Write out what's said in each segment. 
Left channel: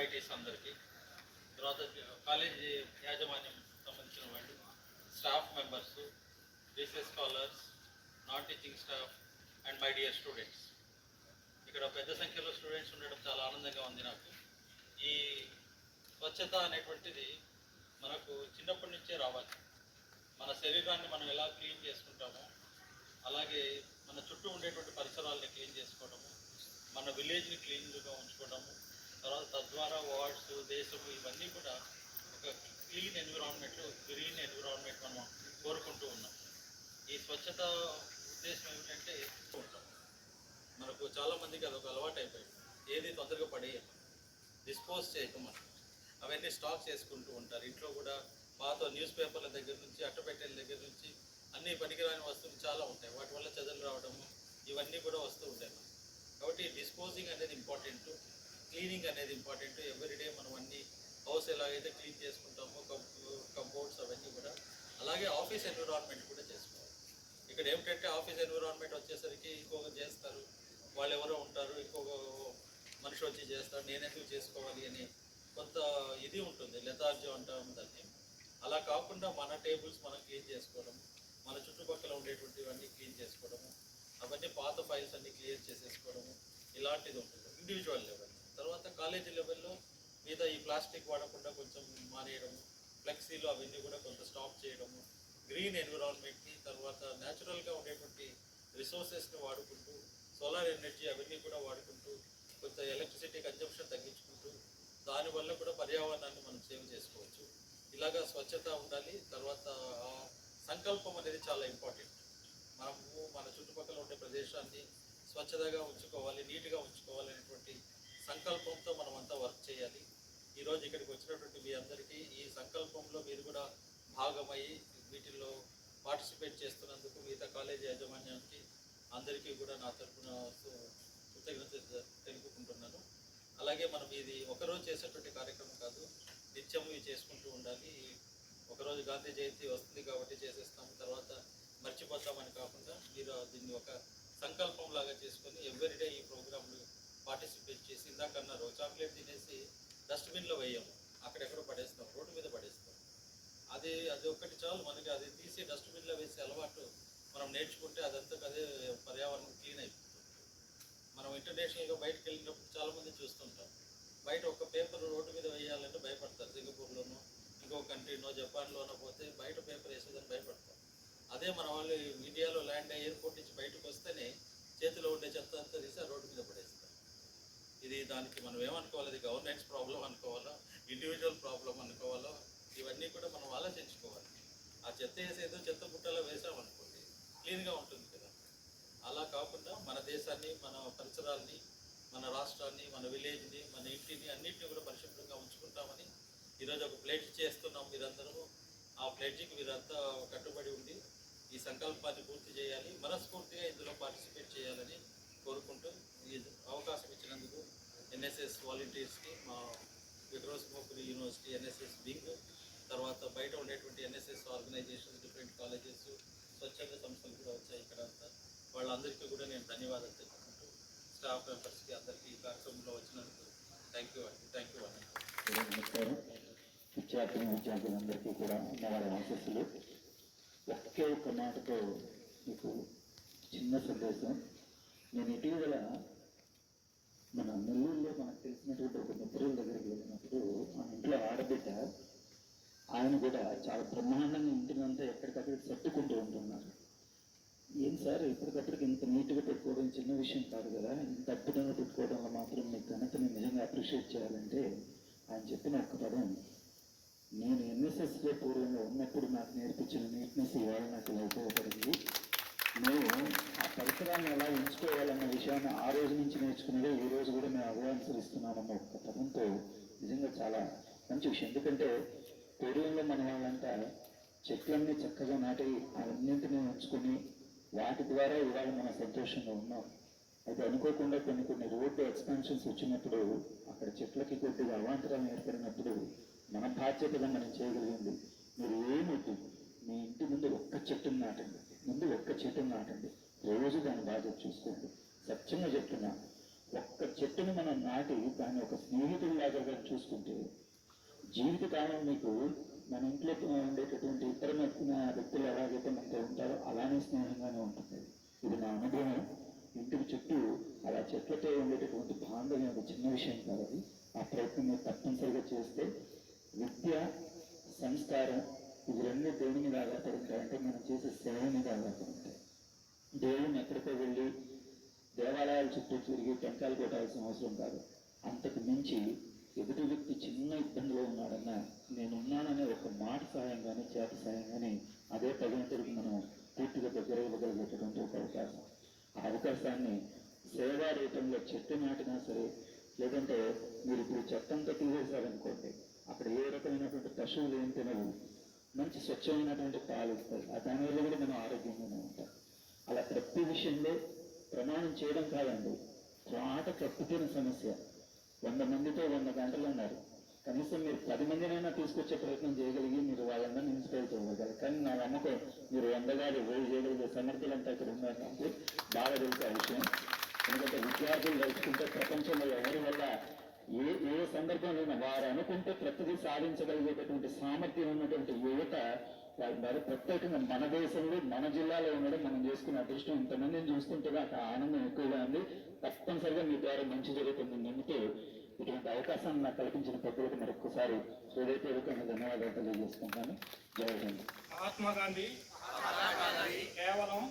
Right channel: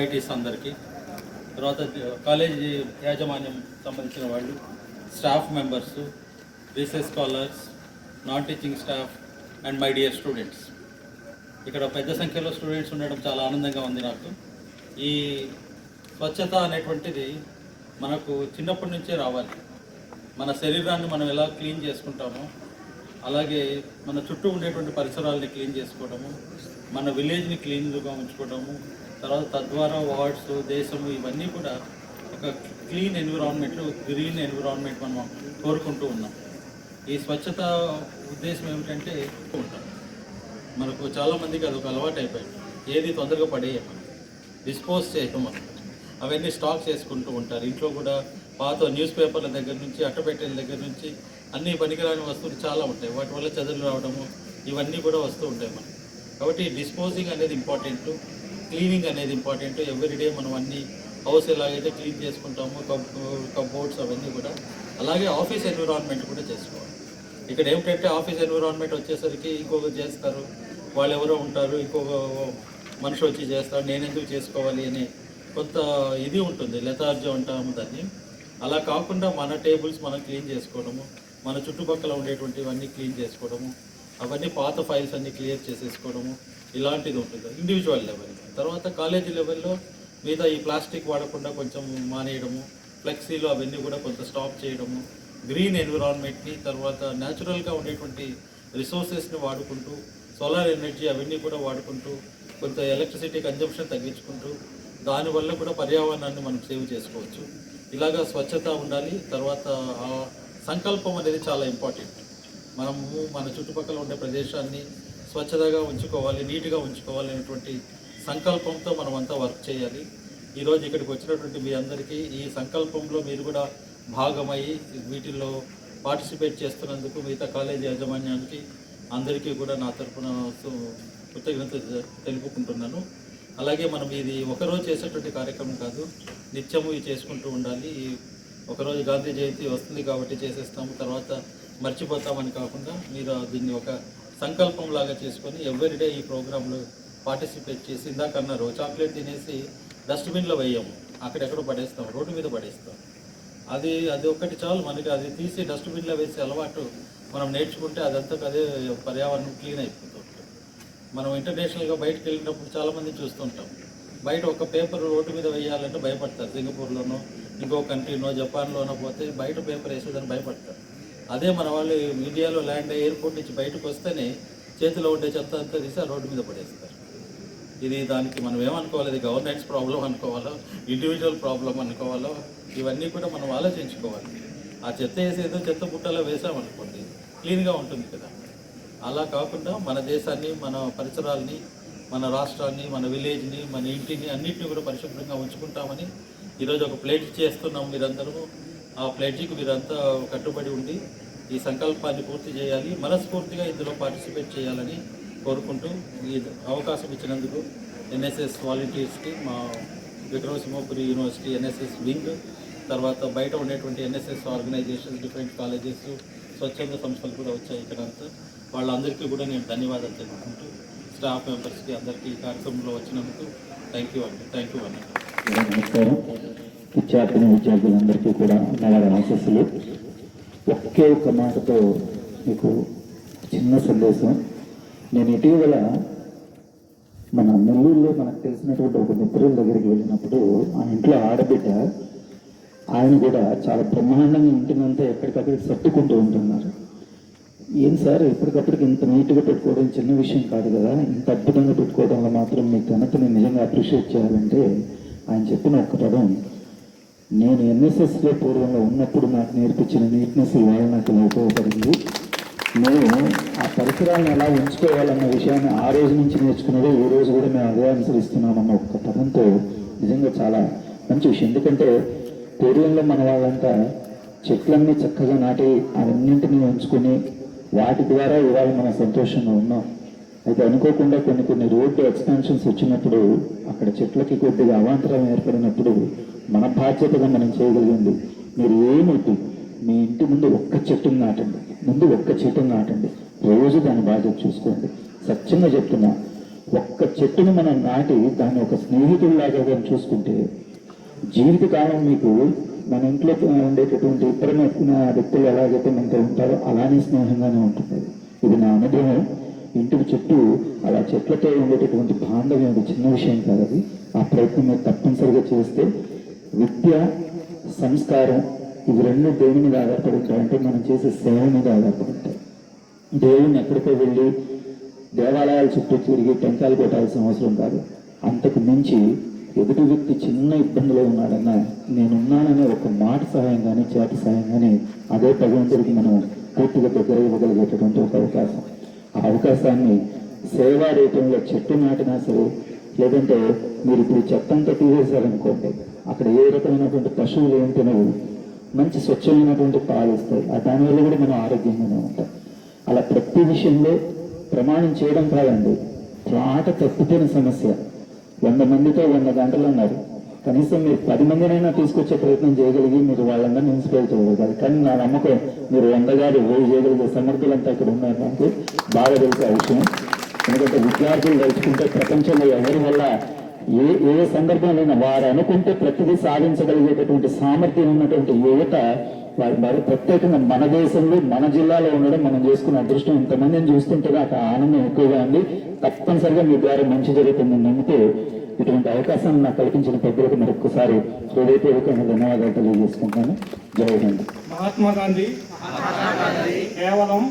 ఎంఐటీస్ అందరికీ తర్వాత కాలేజీ యాజమాన్యం సంబంధించిన వాళ్ళు staff members research scholars non teaching staff and my dear students. ఇక్కడ పెద్ద సంఖ్యలో స్టూడెంట్స్ ఉండడం చాలా ఆనందంగా ఉంది నాకు. ఈ స్వచ్ఛత అనేటువంటిది మనకు చిన్నప్పటి నుంచే రావాలి. మన శరీరాన్ని మనం ఎలా క్లీన్ చేసుకుంటామో అలాగే మన చుట్టూ ఉండేటువంటి పరిసరాలని క్లీన్ చేసుకోవడము మన విలేజ్ని క్లీన్గా ఉంచుకోవడము తర్వాత తద్వారా వార్డ్స్ దేశము ఇవన్నీ కూడా ఒక క్లీన్ ఎన్విరాన్మెంట్ గ్రీన్ ఎన్విరాన్మెంట్ మనం కోరుకుంటూ ఉన్నాం. ఈ స్వచ్ఛత ఉద్దేశం ఏమిటంటే ఉంటాం మనకు చాలామందికి అదొక అలవాటు అయిపోయింది. ఏది తొందరగా పడేయమని డిస్పోజ్ చేయటం అవన్నీ స్టాక్ చేసుకుంటూ ఉంటారు. ఇంట్లో కూడా పాత న్యూస్ పేపర్ల దగ్గర నుంచి అట్టపెట్టెల దగ్గర నుంచి అన్ని పనికిరాని వస్తువులు చాలా ఉంటాయి. వాటి వల్ల చదువులు రావడము ఇవన్నీ కూడా వస్తూ ఉంటాయి మనకి. కాబట్టి డిస్పోజింగ్ అనేది ఇంపార్టెంట్ క్లీనింగ్ అనేది ఇంపార్టెంట్. ఎవ్రీడే మనం అన్ని హౌస్ ఎలాగైతే క్లీన్ చేసుకుంటామో కబ్ కబోర్డ్స్ అవన్నీ కూడా అలాగే ఆఫీస్ ఎన్విరాన్మెంట్ కూడా చేసుకోవాలి. ఇక్కడ ఏమిటంటే ఆఫీస్ ఎన్విరాన్మెంట్ వచ్చేసరికి ఇంకొకరు చేస్తారు వాళ్ళు ఎవరో ఉంటారు ఇంకొక మనిషి వచ్చి చేస్తారు నేను ఎందుకు చేసుకోవాలి అని కొంత ఇది ఉంటుంది లెథార్జీ ఉంటాము దాన్ని. అలా కాకుండా మన టేబుల్స్ మనం క్లీన్ చేసుకోవడము మన చుట్టుపక్కల ఉండేటువంటివన్నీ క్లీన్ చేసుకోవడము అవన్నీ పాత ఫైల్స్ అన్నీ క్లియర్ చేసేసుకోవడము ఇలాంటిది ఉంటుంది ఇండివిజువల్ లెవెల్. తర్వాత కాలేజీ లెవెల్లో మిగతా ఈ ప్లాస్టిక్ వాడకుండా కొంచెం మానేయడము ఫ్లెక్సీలు అవన్నీ కూడా కొంత స్టాప్ చేయడము గ్రీన్ ఎన్విరాన్మెంట్ని తర్వాత న్యాచురల్గా ఉండేటువంటి రిసోర్సెస్ని వాడుకుంటూ సోలార్ ఎనర్జీ అవన్నీ కూడా వాడుకుంటూ కొంత ఎలక్ట్రిసిటీ కన్జంప్షన్ తగ్గించుకుంటూ దానివల్ల కూడా పర్యావరణాన్ని మనం సేవ్ చేసుకోవచ్చు. ఇలాగా స్వచ్ఛత ఉండాలి తర్వాత ఆ సంకల్పం అనేది చాలా ఇంపార్టెంట్. మనము మన చుట్టుపక్కల ఉండే ప్రదేశాన్ని స్వచ్ఛతగా ఉంచుకోవాలి నీట్గా ఉంచుకోవాలి అనేటువంటి సంకల్పంతో మనమంతా వర్క్ చేయాలి. ఈరోజు ఇక్కడికి వచ్చినటువంటి మీ అందరికీ ఈ సంకల్పంలో మీరు కూడా భాగమై వీటిల్లో పార్టిసిపేట్ చేస్తున్నందుకు మిగతా కాలేజీ యాజమాన్యానికి అందరికీ కూడా నా తరపున సు- కృతజ్ఞత తెలుపుకుంటున్నాను. అలాగే మనం ఇది ఒకరోజు చేసేటువంటి కార్యక్రమం కాదు నిత్యము ఇది చేసుకుంటూ ఉండాలి. ఈ ఒకరోజు గాంధీ జయంతి వస్తుంది కాబట్టి చేసేస్తాము తర్వాత మర్చిపోతామని కాకుండా మీరు దీన్ని ఒక సంకల్పం లాగా చేసుకొని ఎవ్రీడే ఈ ప్రోగ్రాంలో పార్టిసిపేట్ చేసి ఇందాక అన్నారు చాక్లెట్ తినేసి డస్ట్బిన్లో వేయము అక్కడెక్కడో పడేస్తాం రోడ్డు మీద పడేస్తాం. అది అది ఒక్కటి చాలు మనకి అది తీసి డస్ట్బిన్లో వేసే అలవాటు మనం నేర్చుకుంటే అదంతా అదే పర్యావరణం క్లీన్ అయిపోతుంది. మనం ఇంటర్నేషనల్గా బయటకు వెళ్ళినప్పుడు చాలామంది చూస్తుంటాం. బయట ఒక పేపర్ రోడ్డు మీద వేయాలంటే భయపడతారు. సింగపూర్లోనో ఇంకో కంట్రీనో జపాన్లోనో పోతే బయట పేపర్ వేసేదని భయపడతారు. అదే మన వాళ్ళు ఇండియాలో ల్యాండ్ ఎయిర్పోర్ట్ నుంచి బయటకు వస్తేనే చేతిలో ఉండే చెత్త అంతా తీసి ఆ రోడ్డు మీద పడేస్తారు. ఇది దానికి మనం ఏమనుకోవాలి? ఇది గవర్నెన్స్ ప్రాబ్లం అనుకోవాలో? ఇండివిజువల్ ప్రాబ్లం అనుకోవాలో? ఇవన్నీ కూడా మనం ఆలోచించుకోవాలి. ఆ చెత్త వేసేదో చెత్త బుట్టలో వేసామనుకోండి క్లీన్గా ఉంటుంది కదా. అలా కాకుండా మన దేశాన్ని మన పరిసరాల్ని మన రాష్ట్రాన్ని మన విలేజ్ని మన ఇంటిని అన్నింటినీ కూడా పరిశుభ్రంగా ఉంచుకుంటామని ఈరోజు ఒక ప్లేట్ చేస్తున్నాం మీరందరూ. ఆ ప్లేట్కి మీరంతా కట్టుబడి ఉండి ఈ సంకల్పాన్ని పూర్తి చేయాలి మనస్ఫూర్తిగా ఇందులో పార్టిసిపేట్ చేయాలని కోరుకుంటూ ఈ అవకాశం ఇచ్చినందుకు ఎన్ఎస్ఎస్ వాలంటీర్స్కి మా విక్రమసింహపురి యూనివర్సిటీ ఎన్ఎస్ఎస్ వింగ్ తర్వాత బయట ఉండేటువంటి ఎన్ఎస్ఎస్ ఆర్గనైజేషన్స్ డిఫరెంట్ కాలేజెస్ స్వచ్ఛంద సంస్థలు కూడా వచ్చాయి ఇక్కడ అంతా. వాళ్ళందరికీ కూడా నేను ధన్యవాదాలు తెలుపుకుంటూ స్టాఫ్ మెంబర్స్కి అందరికీ ఈ కార్యక్రమంలో వచ్చినందుకు థ్యాంక్ యూ అండి. థ్యాంక్ యూ అండి. నమస్కారం. విద్యార్థిని విద్యార్థులందరికీ కూడా నగర ఆశస్సులు. ఒకే ఒక మాటతో మీకు చిన్న సందేశం. నేను ఇటీవల మన నెల్లూరులో మనకు తెలిసినటువంటి ఒక మిత్రుల దగ్గరికి వెళ్ళినప్పుడు ఆ ఇంట్లో ఆడబిడ్డ ఆయన కూడా చాలా బ్రహ్మాండంగా ఇంటినంతా ఎక్కడికక్కడ సర్దుకుంటూ ఉంటున్నారు. ఏం సార్ ఎప్పటికప్పటికి ఇంత నీట్గా పెట్టుకోవడం చిన్న విషయం కాదు కదా ఇంత అద్భుతంగా పెట్టుకోవడంలో మాత్రం మీ ఘనతని నిజంగా అప్రిషియేట్ చేయాలంటే ఆయన చెప్పిన ఒక పదం నేను ఎన్ఎస్ఎస్లో పూర్వంలో ఉన్నప్పుడు నాకు నేర్పించిన నీట్నెస్ ఇవాళ నాకు ఉపయోగపడింది? మేము ఆ పరిసరాలను ఎలా ఉంచుకోవాలన్న విషయాన్ని ఆ రోజు నుంచి నేర్చుకున్నదే ఈ రోజు కూడా మేము అదే అనుసరిస్తున్నామన్న ఒక్క పదంతో నిజంగా చాలా మంచి విషయం. ఎందుకంటే పూర్వంలో మన వాళ్ళంతా చెట్లన్నీ చక్కగా నాటి అవన్నింటినీ ఉంచుకొని వాటి ద్వారా ఇవాళ మనం సంతోషంగా ఉన్నాం. అయితే అనుకోకుండా కొన్ని కొన్ని రోడ్డు ఎక్స్పెన్షన్స్ వచ్చినప్పుడు అక్కడ చెట్లకి కొద్దిగా అవాంతరం ఏర్పడినప్పుడు మన బాధ్యతగా మనం చేయగలిగింది. మీరు ఏమొద్దు మీ ఇంటి ముందు ఒక్క చెట్టును నాటండి. ముందు ఒక్క చెట్టును నాటండి. రోజు దాని బాధ్యత చూసుకోండి. సత్యంగా చెప్తున్నా ఒక్క చెట్టును మనం నాటి దాన్ని ఒక స్నేహితుడిలాగా కానీ చూసుకుంటే జీవితకాలం మీకు మన ఇంట్లో ఉండేటటువంటి ఇతర వ్యక్తులు ఎలాగైతే మనతో ఉంటారో అలానే స్నేహంగానే ఉంటుంది. ఇది నా అనుభవం. ఇంటికి చుట్టూ అలా చెట్లతో ఉండేటటువంటి బాంధవ్యం అది చిన్న విషయం కాదు అది. ఆ ప్రయత్నం మీరు తప్పనిసరిగా చేస్తే విద్య సంస్కారం ఇవి రెండు దేని మీద ఆధారపడి మనం చేసే సేవ మీద ఆధారపడుతాయి. దేవుని ఎక్కడికో వెళ్ళి దేవాలయాల చుట్టూ తిరిగి టెంకాయలు కొట్టాల్సిన అవసరం కాదు. అంతకు మించి ఎదుటి వ్యక్తి చిన్న ఇబ్బందిలో ఉన్నాడన్నా నేనున్నాననే ఒక మాట సహాయం కానీ చేతి సహాయం కానీ అదే భగవంతుడికి మనం పూర్తిగా దగ్గర ఇవ్వగలిగేటటువంటి ఒక అవకాశం. ఆ అవకాశాన్ని సేవా రూపంలో చెట్టు నాటినా సరే లేదంటే మీరు ఇప్పుడు చెత్తంతా తీసేశారనుకోండి అక్కడ ఏ రకమైనటువంటి పశువులు ఏం తినవు మంచి స్వచ్ఛమైనటువంటి పాలు ఇస్తాయి. ఆ దానివల్ల కూడా మనం ఆరోగ్యంగానే ఉంటాం. అలా ప్రతి విషయంలో ప్రమాణం చేయడం కాదండి. త్రాట తప్పిపోయిన సమస్య. వంద మందితో వంద గంటలు అన్నారు కనీసం మీరు పది మందినైనా తీసుకొచ్చే ప్రయత్నం చేయగలిగి మీరు వాళ్ళందరినీ ఇన్స్పైర్ చేయగలగాలి కానీ నా నమ్మకం మీరు వంద గారు వేయి చేయగలిగే సమర్థులంతా ఇక్కడ ఉన్నారు నాకు బాగా తెలిసే విషయం. ఎందుకంటే విద్యార్థులు తలుచుకుంటే ప్రపంచంలో ఎవరి వల్ల ఏ ఏ సందర్భంలో వారు అనుకుంటే ప్రతిదీ సాధించగలిగేటటువంటి సామర్థ్యం ఉన్నటువంటి యువత వారి వారు ప్రత్యేకంగా మన దేశంలో మన జిల్లాలో ఉండడం మనం చేసుకున్న అదృష్టం. ఇంతమందిని చూస్తుంటే నాకు ఆనందం ఎక్కువగా ఉంది. తప్పనిసరిగా మీ ద్వారా మంచి జరుగుతుందని నమ్ముతూ ఇటువంటి అవకాశాన్ని నాకు కల్పించిన పెద్దలకు మరొకసారి హృదయపూర్వకంగా ధన్యవాదాలు తెలియజేసుకుంటాను జై హింద్. మహాత్మా గాంధీ. కేవలం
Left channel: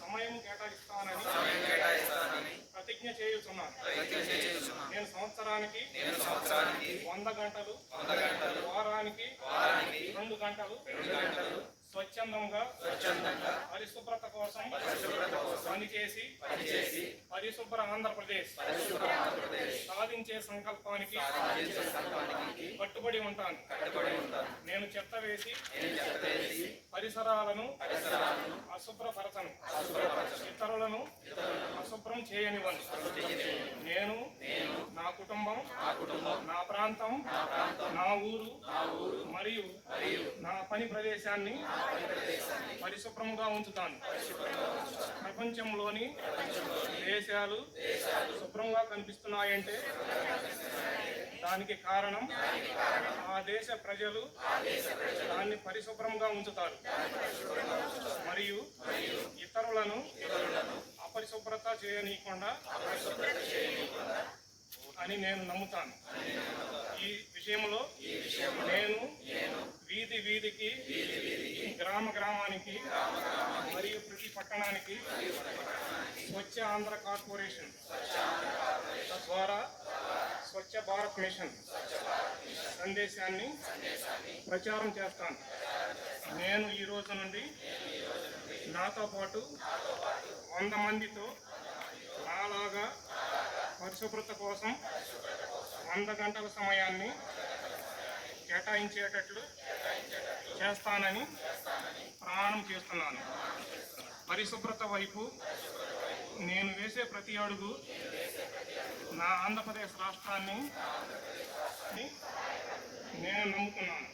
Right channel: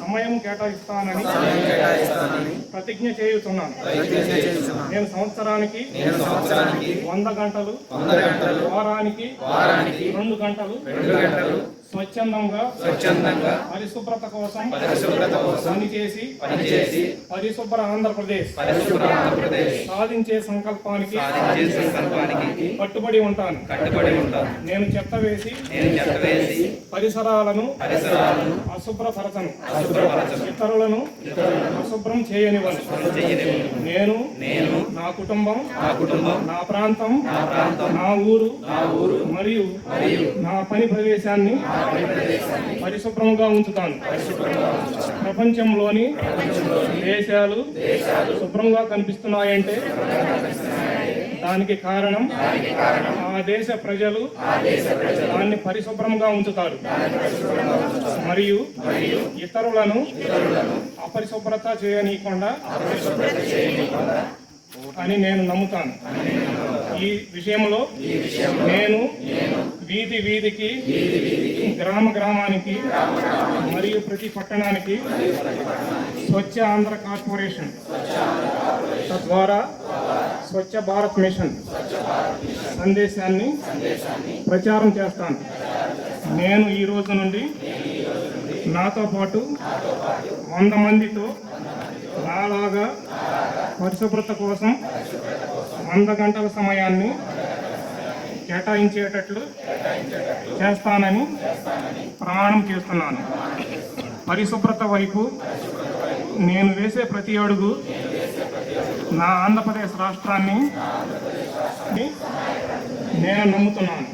సమయం కేటాయిస్తానని ప్రతిజ్ఞ చేయుతున్నాను నేను సంవత్సరానికి వంద గంటలు వారానికి రెండు గంటలు స్వచ్ఛందంగా స్వచ్ఛందంగా పరిశుభ్రత కోసం పరిశుభ్రత కోసం పనిచేసి పనిచేసి పరిశుభ్ర ఆంధ్రప్రదేశ్ పరిశుభ్ర ఆంధ్రప్రదేశ్ సాధించే సంకల్పానికి సాధించే సంకల్పానికి కట్టుబడి ఉంటాను. కట్టుబడి ఉంటాను. నేను చెత్త వేసి నేను చెత్త వేసి పరిసరాలను పరిసరాలను అశుభ్రపరచను. అశుభ్రపరచను. ఇతరులను అశుభ్రం చేయనివ్వను. నేను నేను నా కుటుంబం నా కుటుంబం నా ప్రాంతం నా ప్రాంతం నా ఊరు నా ఊరు మరియు మరియు నా పని ప్రదేశాన్ని పరిశుభ్రంగా ఉంచుతాను. ప్రపంచంలోని దేశాలు శుభ్రంగా కనిపిస్తున్నాయంటే దానికి కారణం ఆ దేశ ప్రజలు దాన్ని పరిశుభ్రంగా ఉంచుతారు. మరియు ఇతరులను అపరిశుభ్రత చేయనీయకుండా అని నేను నమ్ముతాను. ఈ విషయంలో నేను వీధి వీధికి గ్రామ గ్రామానికి మరియు ప్రతి పట్టణానికి స్వచ్ఛ ఆంధ్ర కార్పొరేషన్ తద్వారా స్వచ్ఛ భారత్ మిషన్ సందేశాన్ని ప్రచారం చేస్తాను. నేను ఈ రోజు నుండి నాతో పాటు వంద మందితో నాలాగా పరిశుభ్రత కోసం వంద గంటల సమయాన్ని కేటాయించేటట్లు చేస్తానని ప్రమాణం చేస్తున్నాను. పరిశుభ్రత వైపు నేను వేసే ప్రతి అడుగు నా ఆంధ్రప్రదేశ్ రాష్ట్రాన్ని నేను నమ్ముతున్నాను.